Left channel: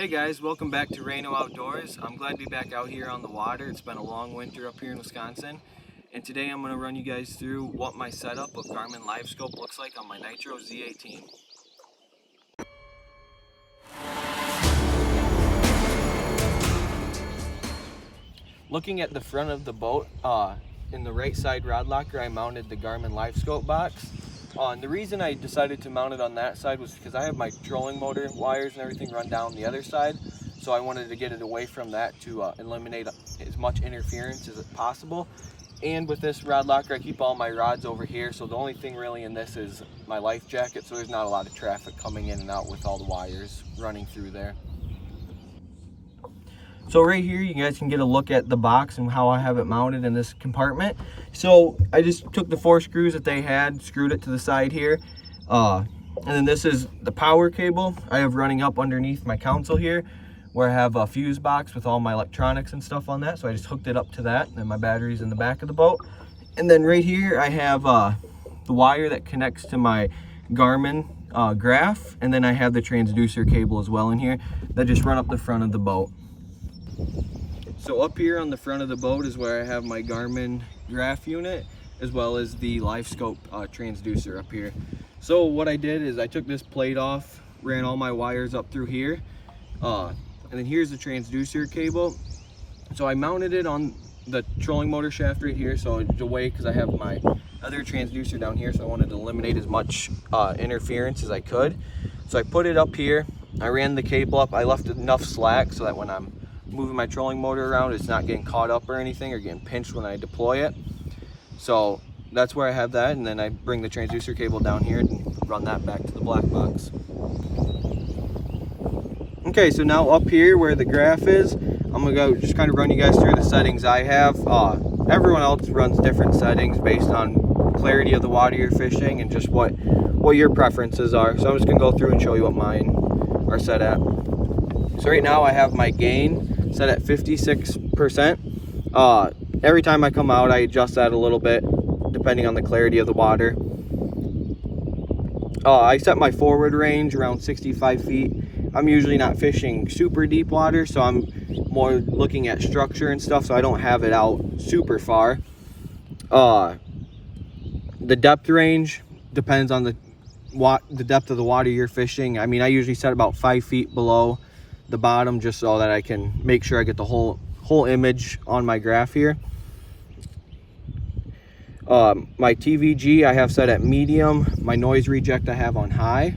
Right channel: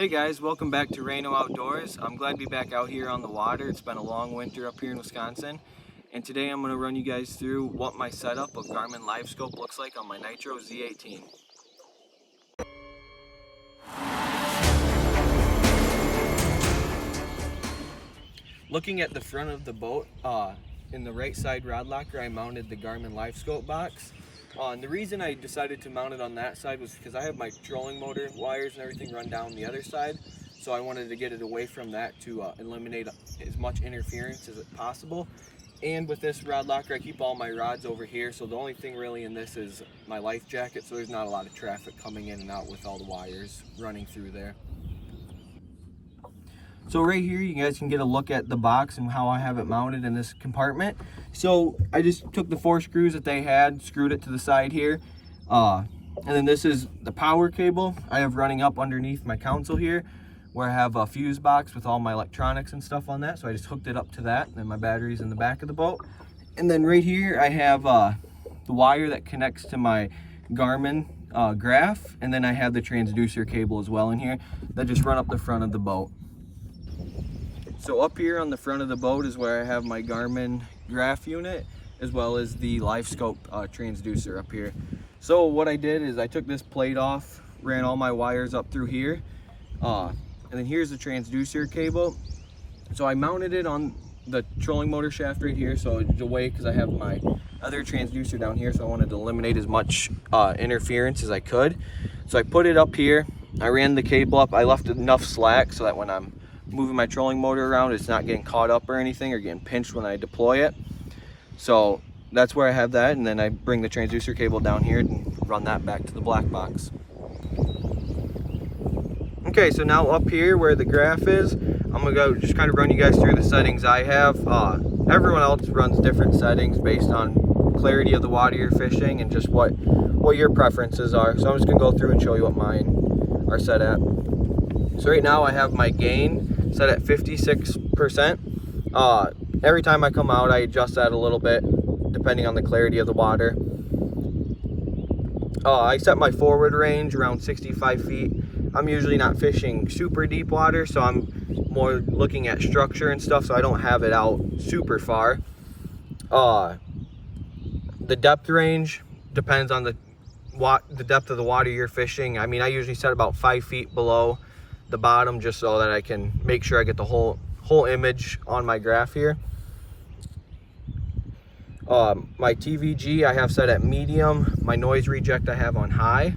Hey guys, welcome back to Reno Outdoors. I'm glad to be back out here on the water. It's been a long winter up here in Wisconsin. And today I'm going to run you guys through what my setup of Garmin Livescope looks like on my Nitro Z18. Looking at the front of the boat, in the right side rod locker I mounted the Garmin Livescope box. And the reason I decided to mount it on that side was because I have my trolling motor wires and everything run down the other side. So I wanted to get it away from that to eliminate as much interference as possible. And with this rod locker, I keep all my rods over here. So the only thing really in this is my life jacket. So there's not a lot of traffic coming in and out with all the wires running through there. So right here, you guys can get a look at the box and how I have it mounted in this compartment. So I just took the 4 screws that they had, screwed it to the side here. And then this is the power cable I have running up underneath my console here, where I have a fuse box with all my electronics and stuff on that. So I just hooked it up to that, and my battery's in the back of the boat. And then right here, I have the wire that connects to my Garmin graph. And then I have the transducer cable as well in here that just run up the front of the boat. So up here on the front of the boat is where I have my Garmin graph unit, as well as the Livescope transducer up here. So what I did is I took this plate off, ran all my wires up through here, and then here's the transducer cable. So I mounted it on the trolling motor shaft right here, so it's away because I have my other transducer down here, so I wanted to eliminate as much interference as I could. So I put it up here, I ran the cable up, I left enough slack so that when I'm moving my trolling motor around, it's not getting caught up or anything or getting pinched when I deploy it. So that's where I have that, and then I bring the transducer cable down here and run that back to the black box. Okay, so now up here where the graph is, I'm gonna go just kind of run you guys through the settings I have. Everyone else runs different settings based on clarity of the water you're fishing and just what your preferences are. So I'm just gonna go through and show you what mine are set at. So right now I have my gain set at 56%. Every time I come out, I adjust that a little bit depending on the clarity of the water. I set my forward range around 65 feet. I'm usually not fishing super deep water, so I'm more looking at structure and stuff, so I don't have it out super far. The depth range depends on the depth of the water you're fishing. I mean, I usually set about 5 feet below the bottom just so that I can make sure I get the whole image on my graph here. My TVG I have set at medium. My noise reject I have on high.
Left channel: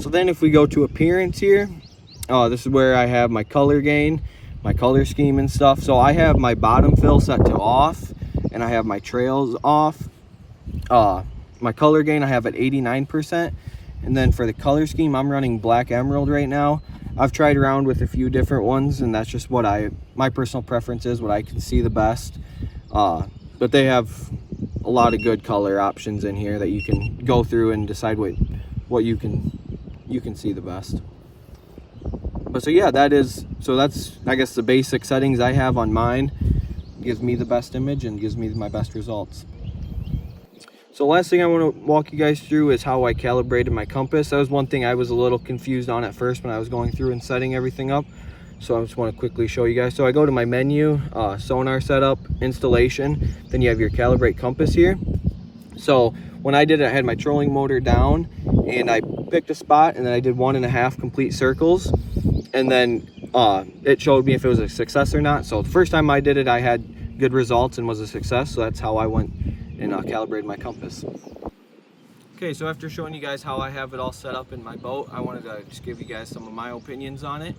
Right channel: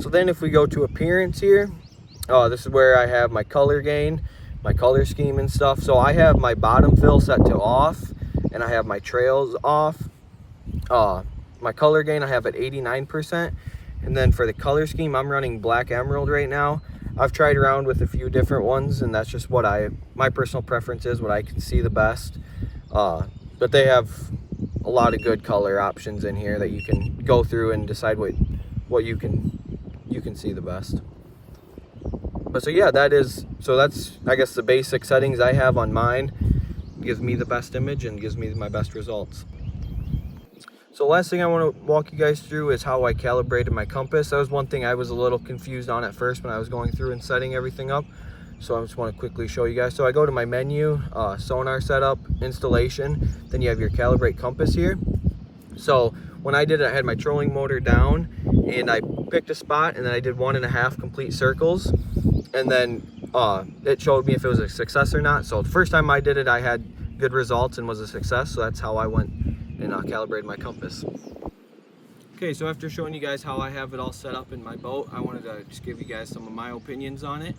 So then if we go to appearance here, this is where I have my color gain, my color scheme and stuff. So I have my bottom fill set to off, and I have my trails off. My color gain I have at 89%. And then for the color scheme, I'm running black emerald right now. I've tried around with a few different ones, and that's just what my personal preference is, what I can see the best. But they have a lot of good color options in here that you can go through and decide what you can see the best. But so yeah, that's I guess the basic settings I have on mine. Gives me the best image and gives me my best results. So last thing I want to walk you guys through is how I calibrated my compass. That was one thing I was a little confused on at first when I was going through and setting everything up. So I just want to quickly show you guys. So I go to my menu, sonar setup, installation, then you have your calibrate compass here. So when I did it, I had my trolling motor down and I picked a spot and then I did 1.5 complete circles. And then it showed me if it was a success or not. So the first time I did it, I had good results and was a success. So that's how I went and calibrated my compass. Okay, so after showing you guys how I have it all set up in my boat, I wanted to just give you guys some of my opinions on it.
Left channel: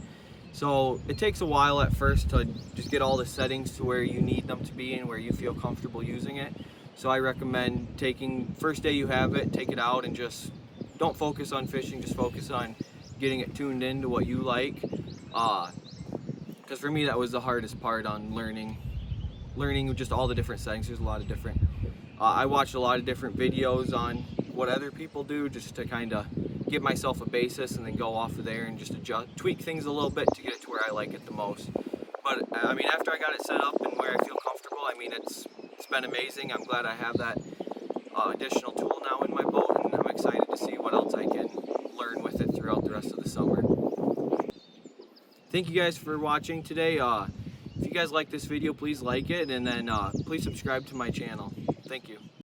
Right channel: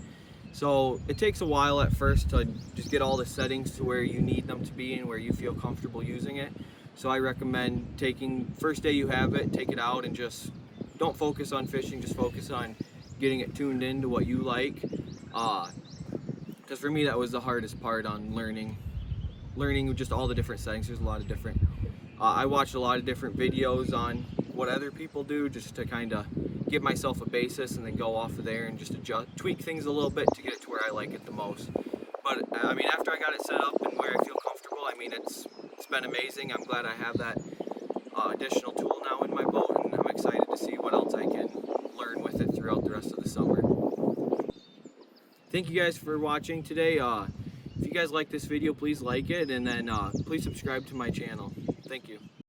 So it takes a while at first to just get all the settings to where you need them to be and where you feel comfortable using it. So I recommend first day you have it, take it out and just don't focus on fishing, just focus on getting it tuned into what you like. Because for me that was the hardest part on learning just all the different settings. There's a lot of different I watched a lot of different videos on what other people do just to kind of give myself a basis and then go off of there and just tweak things a little bit to get it to where I like it the most. But I mean, after I got it set up and where I feel comfortable, I mean, it's been amazing. I'm glad I have that additional tool now in my boat, and I'm excited to see what else I can learn with it throughout the rest of the summer. thank you guys for watching today. If you guys like this video, please like it, and then please subscribe to my channel. Thank you.